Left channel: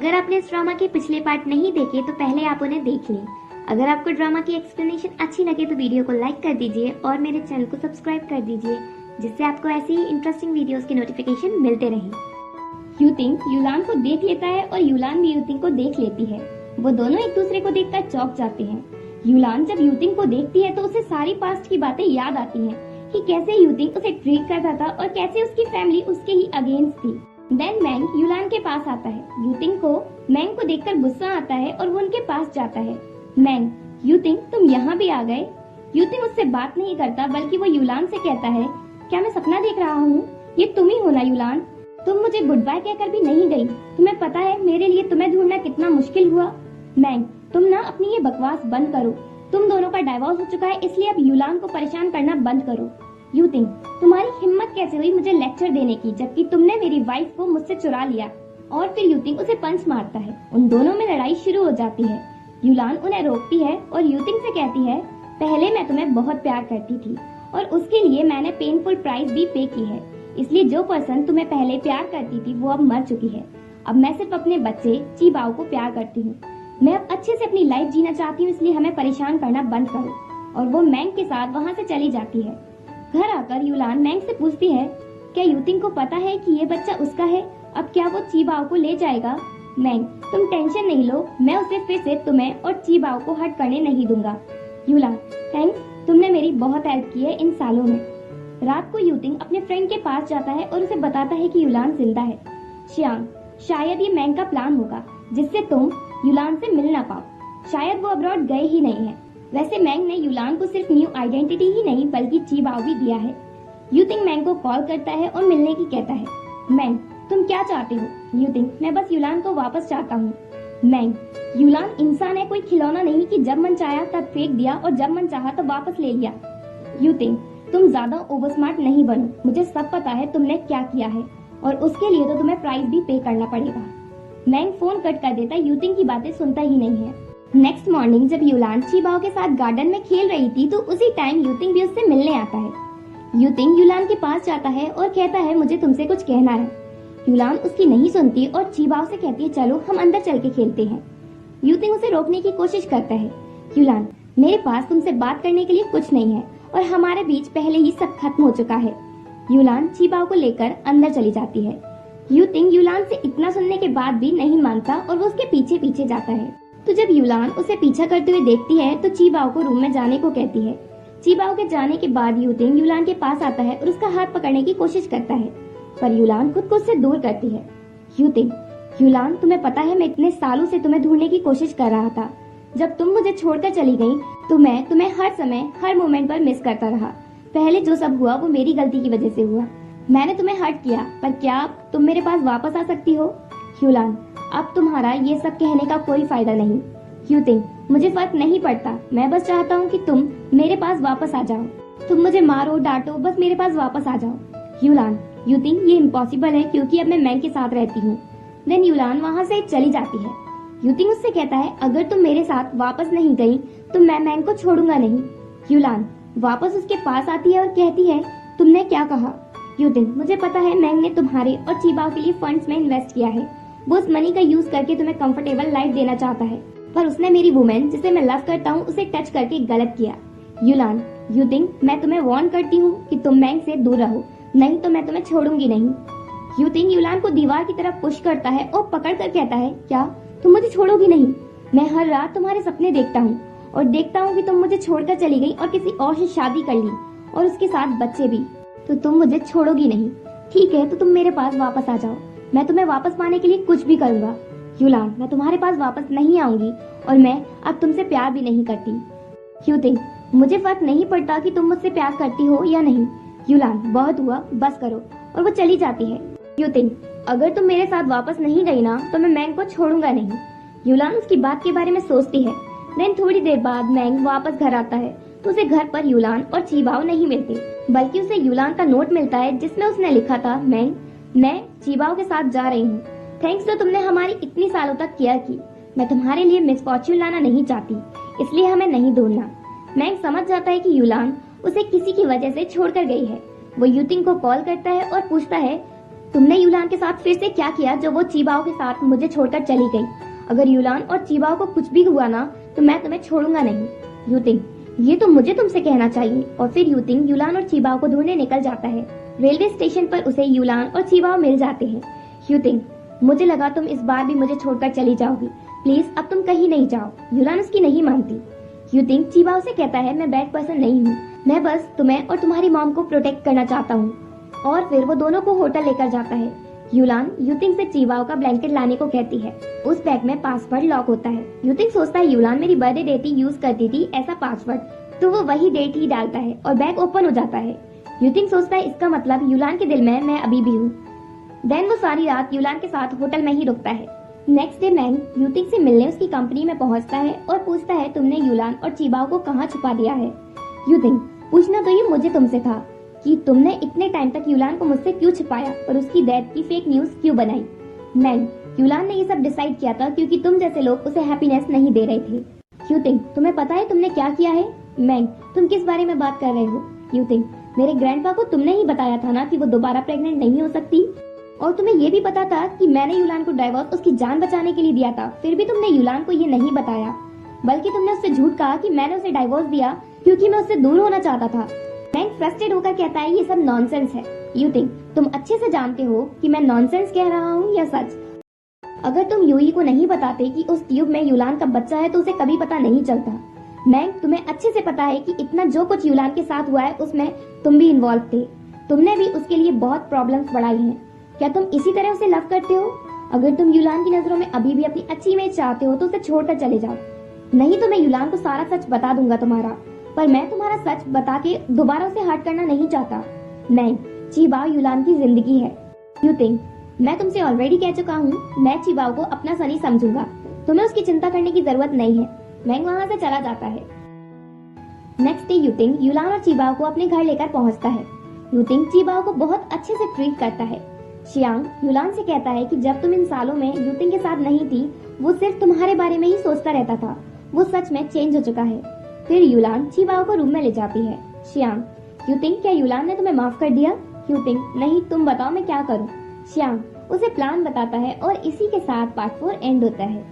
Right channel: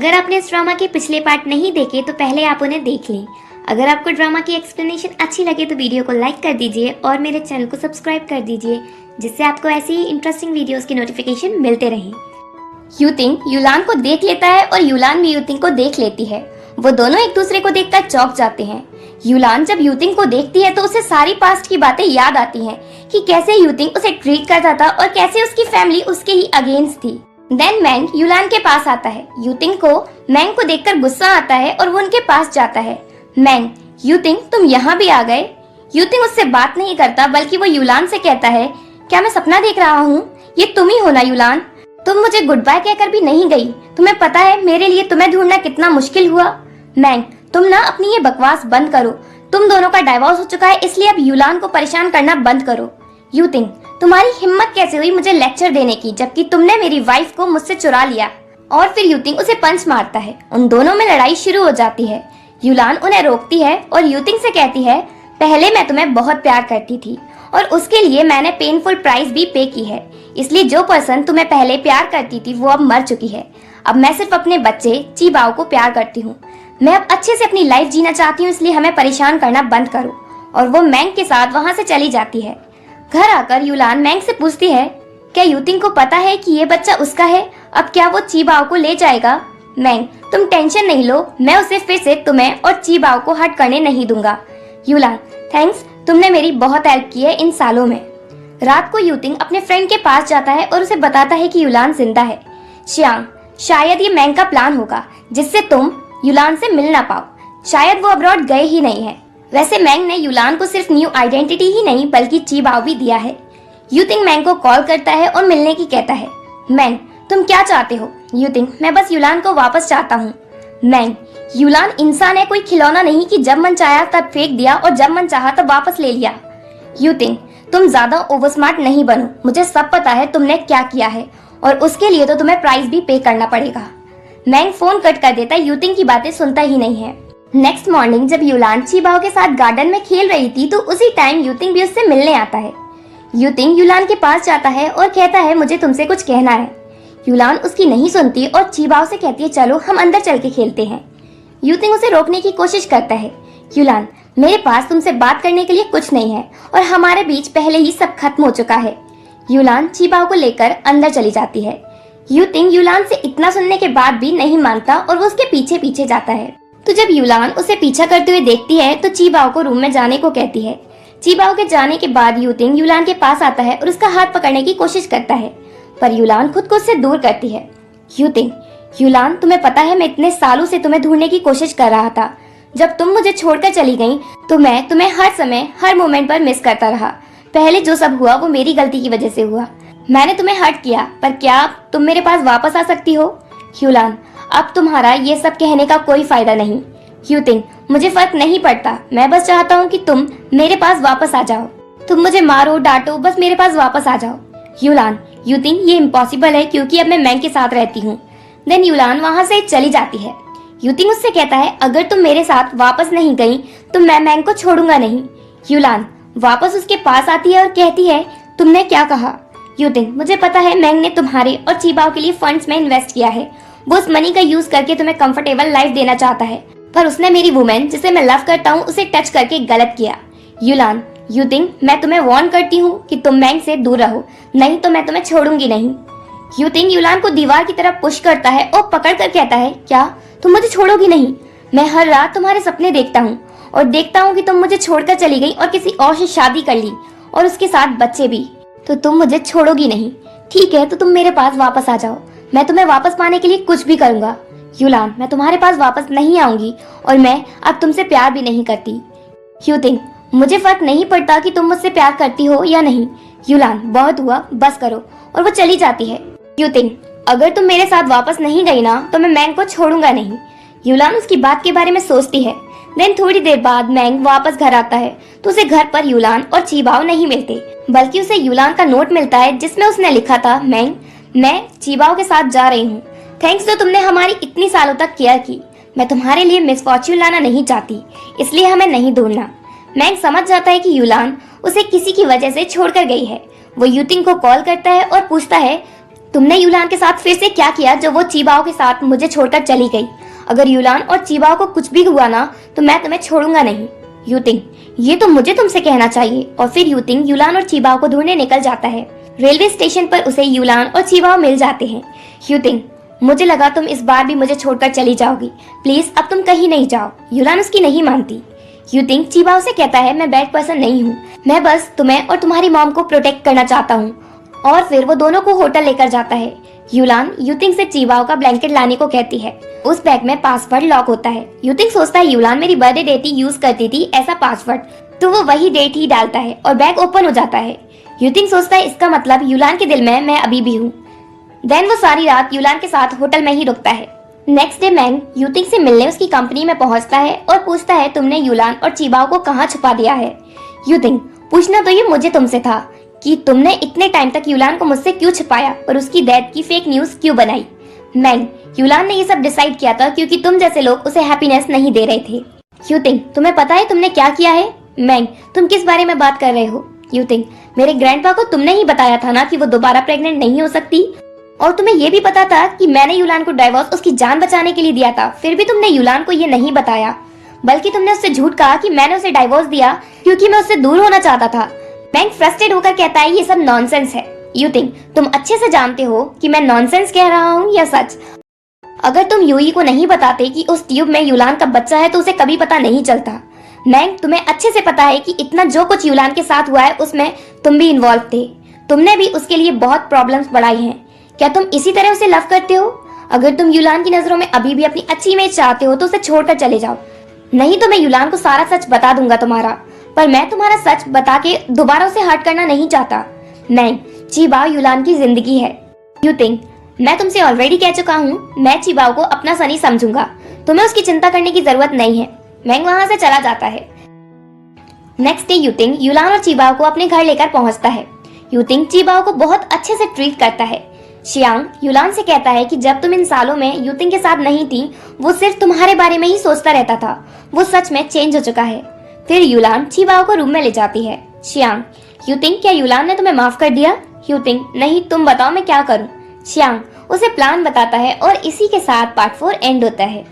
अगर आपने इस ड्रामा के पिछले पार्ट नहीं देखे तो पहले आप उन्हें देख लें। अगर आपको ड्रामा की एक्सप्लेनेशन अच्छी लगे तो वीडियो को लाइक कर दीजिए और मेरे चैनल को सब्सक्राइब कर दीजिए, जिससे आपको ऐसी ही इंटरेस्टिंग वीडियोस के नोटिफिकेशन मिलते रहें। यूतिंग युलान को देख लेता है और युलान भी यूतिंग को देख लेती है। वो दोनों एक दूसरे को देखकर चौंक जाते हैं। युलान जब यूतिंग को देखती है तो उसे सारी पास्ट की बातें याद आती हैं कि कैसे यूतिंग उसे ट्रीट करता था और कैसे उसकी फैमिली उसके ही अगेंस्ट थी। देन मैंग युलान के पास आता है। यूतिंग को मैंग को देखकर गुस्सा आता है और वो उनके पास जाता है। मैंग, यूतिंग तुम यहाँ भी आ गए। यूतिंग उससे बात नहीं करता बल्कि वो युलान से कहता है, क्या मैं सपना देख रहा हूँ? ये तुम ही हो ना युलान? तुम मुझे गुड बाय कहकर भी नहीं गई। तुम्हें पता है मेरे लिए तुम्हें ढूंढना कितना मुश्किल हुआ। मैंग, तुम ना अपनी ये बकवास बंद करो। तुम दोनों का डाइवोर्स हो चुका है, इसलिए अब युलान को परेशान करना बंद करो। यूतिंग, तुम्हारी हिम्मत कैसे हुई मुझे लेक्चर देने की, जबकि तुमने मेरी वाइफ को मुझसे चुरा लिया। और फिर यूतिंग उसे पंच मारता है। उन दोनों में लड़ाई शुरू हो जाती है। युलान उन्हें रोकती है और यूतिंग से कहती है, पहले मैं तुम्हें बहुत प्यार करती थी और उसके लिए मैंने पेनफुल प्राइस भी पे की है। इसलिए जो पर्सन तुम्हें पहले प्यार करती थी वो अब मर चुकी है। अब मैं सिर्फ अपने बच्चे चीबाओ को प्यार करती हूँ। मैं अब अच्छे से अपनी लाइफ जीना चाहती हूँ, इसलिए हमें परेशान करना बंद करो। और वो मैंग के साथ वहाँ से चली जाती है। घर आकर युलान मैंग से पूछती है, क्या यूतिंग को पता है कि ये बच्चा उसका है? अब क्या वो चीबाओ को ले जाएगा? मैंग, तुम टेंशन नहीं लो, मैं उसे फिर से तुम्हें और चीबाओ को हट करने नहीं दूंगा। युलान, थैंक्स, तुमने मेरी बहुत हेल्प की है इन सालों में। रात को यूतिंग अपने फ्रेंड के पास जाता है और उसे बताता है कि युलान जिंदा है। श्याम, शायद ये मैंग का प्लान होगा जिससे तुम युलान से मिल ना पाओ। शायद वो अब्रॉड गए ही नहीं है। वैसे मैंग ने युलान को सिर्फ न्यू आइडेंटिटी ही नहीं बल्कि चीबाओ भी दिया है। यूतिंग मैंग को कॉल करता है और मिलने की कहता है। मैंग, तुम क्या चाहते हो? यूतिंग, मैं बस युलान को वापस चाहता हूँ। मैंग, युलान इंसान है, कोई खिलौना नहीं कि जब मन चाहा तब फेंक दिया और जब मन चाहा तब वापस ले लिया। यूतिंग, तुम ज्यादा ओवर स्मार्ट नहीं बनो। मुझे सब पता है तुमने क्या किया है और उसके लिए तो तुम्हें प्राइस भी पे करना पड़ेगा। मैंग फोन कट कर देता है। यूतिंग की बातें सुनता ही नहीं है। नेक्स्ट मॉर्निंग जब युलान चीबाओ के साथ गार्डन में खेल रही थी तो उसी टाइम यूतिंग भी उससे मिलने आता है। यूतिंग युलान के पास जाता है और कहता है, मुझे तुमसे कुछ कहना है। युलान उसकी नहीं सुनती और चीबाओ से कहती है, चलो हम अंदर चल के खेलते हैं। यूतिंग उसे रोकने की कोशिश करता है। युलान, मेरे पास तुमसे बात करने के लिए कुछ नहीं है और हमारे बीच पहले ही सब खत्म हो चुका है। युलान चीबाओ को लेकर अंदर चली जाती है। यूतिंग युलान से इतना सुनने के बाद भी नहीं मानता और वो उसके पीछे पीछे जाता है। तो जब युलान उसे पीछा करते हुए देखती है तो चीबाओ को रूम में जाने को कहती है। चीबाओ के जाने के बाद यूतिंग युलान के पास आता है और उसका हाथ पकड़ने की कोशिश करता है, पर युलान खुद को उससे दूर करती है। यूतिंग, युलान, तुम्हें पता है मैं इतने सालों से तुम्हें ढूंढने की कोशिश कर रहा था। जब तुम मुझे छोड़कर चली गई तो मैं तुम्हें हर समय हर मोमेंट पर मिस करता रहा। पहले जो सब हुआ वो मेरी गलती की वजह से हुआ। मैंने तुम्हें हर्ट किया, पर क्या तुम मेरे पास वापस आ सकती हो? युलान, अब तुम्हारा ये सब कहने का कोई फायदा नहीं। यूतिंग, मुझे फर्क नहीं पड़ता, मैं बस चाहता हूँ कि तुम मेरे पास वापस आ जाओ। तुम मुझे मारो डांटो, बस मेरे पास वापस आ जाओ। युलान, यूतिंग, ये इम्पॉसिबल है क्योंकि अब मैं मैंग के साथ रहती हूँ। देन युलान वहाँ से चली जाती है। यूतिंग उससे कहता है, अगर तुम मेरे साथ वापस नहीं गई तो मैं मैंग को छोड़ूंगा नहीं। युलान वापस उसके पास आती है और कहती है, तुमने क्या कहा? यूतिंग, मुझे पता है मैंग ने तुम्हारे और चीबाओ के लिए फंड्स में इन्वेस्ट किया है। वो उस मनी का यूज करके तुम्हें कंफर्टेबल लाइफ देना चाहता है, पर उसने मेरी वुमेन जिसे मैं लव करता हूँ उसे टच करके गलत किया। युलान, यूतिंग, मैं तुम्हें वार्न करती हूँ कि तुम मैंग से दूर रहो, नहीं तो मैं तुम्हें छोड़ूंगी नहीं। यूतिंग युलान को दीवार की तरफ पुश करता है और पकड़ कर कहता है, क्या तुम मुझे छोड़ोगी नहीं? मैं हर रात तुम्हारे सपने देखता हूँ और देखता हूँ कि तुम मुझे छोड़कर चली गई और किसी और से शादी कर ली और उसके साथ बच्चे भी। तो तुम मुझे छोड़ोगी नहीं, ठीक है? तो तुम मेरे पास वापस आ जाओ, मैं तुम्हें वापस पाने के लिए कुछ भी करूंगा। युलान, मैं तुम्हारे पास वापस नहीं आऊंगी और मैं अब तुमसे प्यार भी नहीं करती। यूतिंग, मुझे फर्क नहीं पड़ता कि तुम मुझसे प्यार करती हो या नहीं। युलान, बहुत हुआ, बस करो। और वो चली जाती है। यूतिंग, अगर तुम मेरे साथ वापस नहीं गई ना तो मैं मैंग को छोड़ूंगा नहीं। युलान उसकी बात के बारे में सोचती है। देन थोड़ी देर बाद मैंग वापस घर आता है तो उसे घर पर युलान और चीबाओ नहीं मिलते, बल्कि उसे युलान का नोट मिलता है जिसमें उसने लिखा था, मैंग, मैं चीबाओ के साथ जा रही हूँ। थैंक्स जो तुमने हमारी इतनी सालों तक केयर की। मैं तुम्हारे लिए मिसफॉर्च्यून लाना नहीं चाहती, इसलिए हमें नहीं ढूंढना। मैंग समझ जाता है कि युलान उसे किसी की वजह से छोड़कर गई है। वो यूतिंग को कॉल करता है और पूछता है, तुमने यूलान के साथ फिर से क्या किया जो वो चीबाओ के साथ मुझे छोड़कर चली गई? अगर यूलान और चीबाओ को कुछ भी हुआ ना तो मैं तुम्हें छोड़ूंगा नहीं। यूतिंग, ये तो मुझे तुमसे कहना चाहिए। और फिर यूतिंग यूलान और चीबाओ को ढूंढने निकल जाता है। रेलवे स्टेशन पर उसे यूलान और चीबाओ मिल जाते हैं। यूतिंग, मुझे लगा तुम इस बार भी मुझे छोड़कर चली जाओगी। प्लीज अब तुम कहीं नहीं जाओ। यूलान उसकी नहीं मानती। यूतिंग चीबाओ से कहता है, मैं बैड पर्सन नहीं हूँ, मैं बस तुम्हें और तुम्हारी मॉम को प्रोटेक्ट करना चाहता हूँ। और फिर वो दोनों को होटल लेकर जाता है। यूलान यूतिंग से चीबाओ का ब्लैंकेट लाने को कहती है। उस बैग में पासवर्ड लॉक होता है। यूतिंग सोचता है यूलान मेरी बर्थडे डेट ही यूज करती थी ऐसा पासवर्ड, तो वो वही डेट ही डालता है और बैग ओपन हो जाता है। यूतिंग सोचता है इसका मतलब यूलान के दिल में मैं अभी भी हूँ। देन वो सारी रात यूलान के साथ होटल में ही रुकता है। नेक्स्ट डे मैंग यूतिंग से मिलने उसकी कंपनी में पहुंचता है और पूछता है तुमने यूलान और चीबाओ को कहाँ छुपा दिया है? यूतिंग, पूछना तो ये मुझे तुमसे था कि तुमने इतने टाइम तक यूलान को मुझसे क्यों छुपाया और उसकी डेथ की फेक न्यूज क्यों बनाई? मैंग, यूलान ने ये सब डिसाइड किया था क्योंकि तुम जैसे लोग उसे हैप्पीनेस नहीं दे रहे थे। यूतिंग, तुम्हें पता है तुमने क्या किया है? मैंग, तुम किस बारे में बात कर रहे हो? यूतिंग, मेरे ग्रैंडपा को तुमने ही बताया था ना कि वो दोबारा प्रेग्नेंट नहीं हो सकती, और तुम्हें ये भी पता था कि मैंने यूलान को डाइवोर्स उसकी जान बचाने के लिए दिया था। फिर भी तुमने यूलान को ये नहीं बताया, बल्कि तुमने उससे झूठ कहा कि मैंने उसे डाइवोर्स दिया क्योंकि मैं उससे दूर होना चाहता था। मैंग फ्रस्ट्रेट होकर कहता है ये सब नॉनसेंस है। यूतिंग, तुम अच्छे से जानते हो कि मैं नॉनसेंस कह रहा हूँ या सच। अगर तुम यूई को नहीं बताते कि उस ट्यूब में यूलान का बच्चा है तो उसे कभी पता नहीं चलता। मैंग, तुम्हें अच्छे से पता है कि इतना जो कुछ यूलान के साथ हुआ है उसमें तुम भी इन्वॉल्व थे। तुमने भी उसके लिए बहुत प्रॉब्लम्स बढ़ाई हैं। क्या तुम इसी तरह उसे लव करते हो? अगर तुम यूलान की नजरों में अभी भी अपनी अच्छी इमेज चाहते हो तो उसे छोड़कर चले जाओ, नहीं तो मैं यूलान को सारा सच बता दूंगा तुम्हारा। पर मैं तुम्हारा सच बता के दोबारा उसे हर्ट करना नहीं चाहता। मैंग, चीबाओ यूलान की जिंदगी है। यूतिंग, मैं तुमसे ऑलरेडी कह चुका हूँ, मैं चीबाओ को अपना सनी समझूंगा, तुम्हें उसकी चिंता करने की जरूरत नहीं है। मैंग वहाँ से चला जाता है। नेक्स्ट डे यूतिंग यूलान और चीबाओ को अपने घर लेकर पहुँचता है। यूतिंग चीबाओ को बहुत अच्छे से ट्रीट करता है। शियांग यूलान से कहता है कि जब तुम इन सालों में यूतिंग के साथ नहीं थी वो सिर्फ तुम्हारे बारे में ही सोचता रहता था, वो सच में चेंज हो चुका है। फिर यूलान चीबाओ को रूम में ले जाती है। शियांग, यूतिंग, क्या यूलान ने तुम्हें माफ कर दिया? यूतिंग, नहीं, तुम बताओ मैं क्या करूं? शियांग उसे प्लान बताता है और इसी के साथ पार्ट 4 एंड होता है।